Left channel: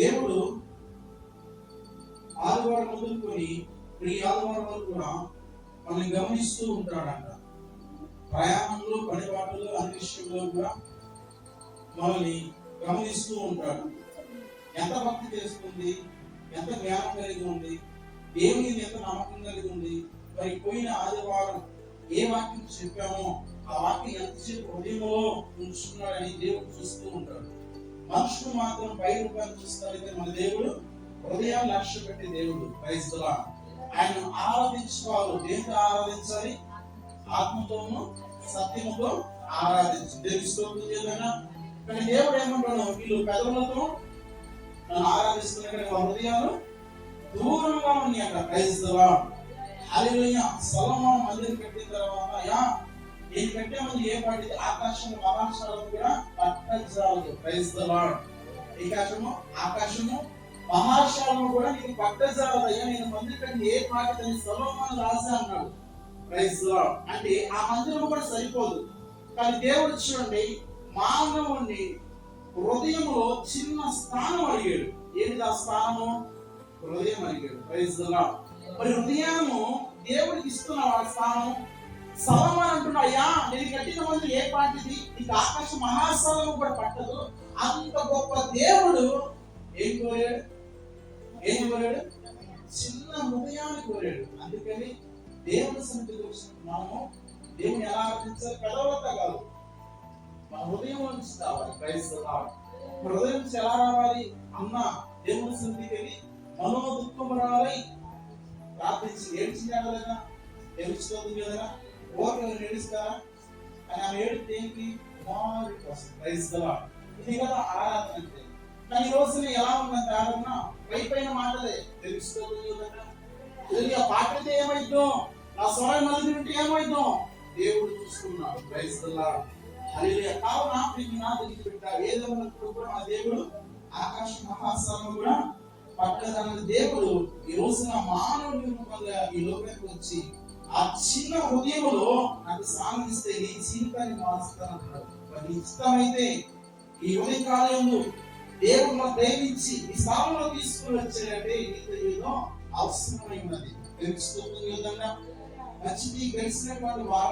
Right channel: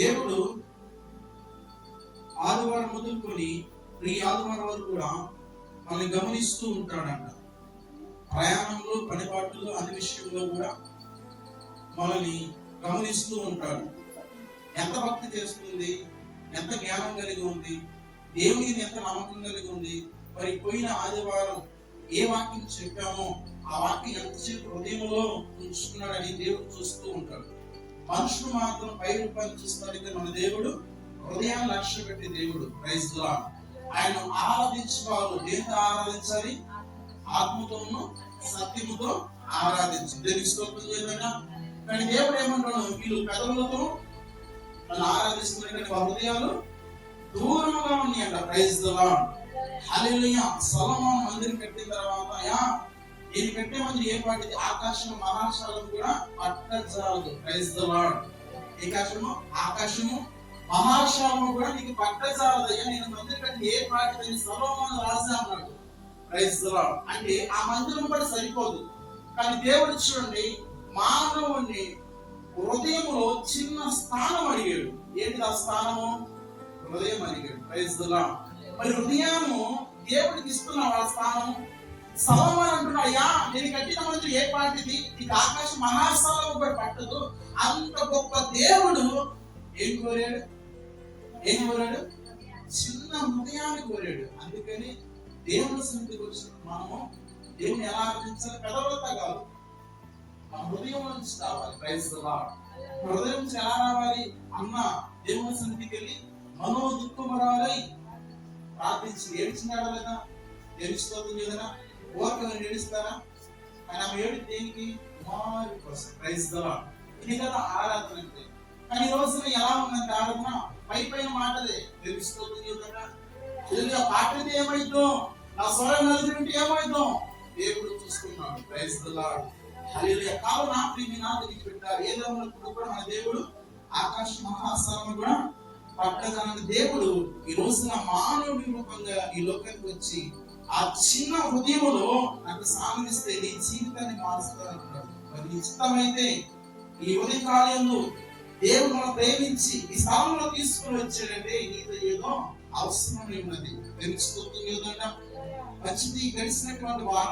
దేవుడు ఆదివారం మొదలుకొని ఈ ఆదివారం వరకు కూడా మనల్ని గమనిస్తూ ఉంటాడంట. ప్రయాణంలో, పనిపాట్లలో, అన్ని విషయంలో కూడా మనల్ని గమనిస్తూ ఉంటాడు. ఎంత భక్తి చేస్తుంది, ఎంత జ్ఞానం కలిగి ఉంది, దేవుని ఎంత నమ్మకం కలిగి ఉంది, మరి పోయిన ఆదివారం ఏ వాక్యం చెప్పామో ఆ వాక్యం ఎంతసేపు హృదయంలో ఉంచుకున్నాడని దేవుడు చూస్తూ ఉంటాడు. మనుషులు మాత్రం పై రూపాన్ని చూస్తాడు, మన దేవుడు హృదయాన్ని లక్ష్య పెట్టే దేవుడు. Praise the lord. ఆయన ఆరాధించేవారు దేంతో ఆరాధించాలి? ఆత్మతోను సత్యముతో ఆరాధించాలి. దేవుని స్తోత్రం చేయదన్నా. కానీ దేవుడు ఏమంటాడు, వీళ్ళు పెదవులతో నన్ను ఆరాధిస్తున్నారు కానీ వారి హృదయాలు దూరంగా ఉన్నాయి అంట. Praise the lord. Hallelujah. Solomon మందిరం కట్టిన తర్వాత నేను కట్టే మంది ఏ పాటిది? ఆకాశము మహాశాలను కూడా పట్టజాలదు. Praise the lord. ఆకాశము మహాశాలను కూడా నీకు పట్టజాలదయ్యా, నేను మందిరం కట్టి ఏ పాటిదని సొలొమోను రాజా అన్నాడు. Praise the lord. అంటే ఆ మందిరం కూడా సరిపోదు. కానీ దేవుడు చూడండి, మానవుని హృదయంలో చిన్న స్థానం అడిగాడు. ఏంటి ఆ స్థానము? హృదయం అడిగాడు. Praise the lord. మరి హృదయము దేవుడికి ఇస్తున్న ఆ స్థానం. సొలొమోను అంటున్నాడు, అయ్యా నేను కట్టిన మందిరం ఏ పాటిది? నీకు ఆకాశ మహాస్థలం కూడా పట్టదు. అంత గొప్ప దేవుడు ఏం కోరాడు? చిన్న హృదయాన్ని కోరాడు. అందుకని దేవుని సన్నిధికి వచ్చిన మనము దేవుని ఎలా ఆరాధించాలి? పెదవులతో కాదు, మన హృదయం నుంచి రావాలి. Praise the lord. హృదయం నుంచి ఎలా రావాలి? అన్న దేవుని సన్నిధికి వెళ్ళి మనో దుఃఖపడాలి, ప్రార్థించి ఏడ్చినాడు కదా, ఏడుస్తుంది కదా, ఓర్పు ఏడుస్తారా? కానీ ఆమె ఏడు దేనికి? కుమారుడి కోసం. Praise the lord. ఇది కదా ఆరాధన అంటే. కానీ ఈ రోజున ఎలా ఉందంటే ఆరాధన పైన మాటలే. తెలుస్తుంది కదా, పాటలు ఏమైద్దో, నా స్వరం నలుగురింటి ఏమైద్దో దేవుడు చూస్తున్నాడు. Praise the lord. హల్లెలూయా. కావున ప్రియమైన దగ్గరికి పెట్టారు. ఏదైనప్పుడు కూడా మన దేవుడు ఆకాశ మహాస్థలం కూడా పట్టజాలని దేవుడు ఈ రోజున మానవుడి రూపంగా ఈ లోకానికి వచ్చి ఆ చిన్న హృదయములో నాకు సాధిస్తే నీ జీవితాన్ని మారుస్తానంటున్నాడు. మరి ఇష్టమైతే ఈ ఉదయకాలంలో దేవుడు మనం ప్రేమించి ఈ స్థానంలో తీసుకుని వచ్చాడంటే నీతో ఏదో అవసరమై ఉన్నది. తెలుస్తుంది. మంచిది గడిచినటువంటి వారం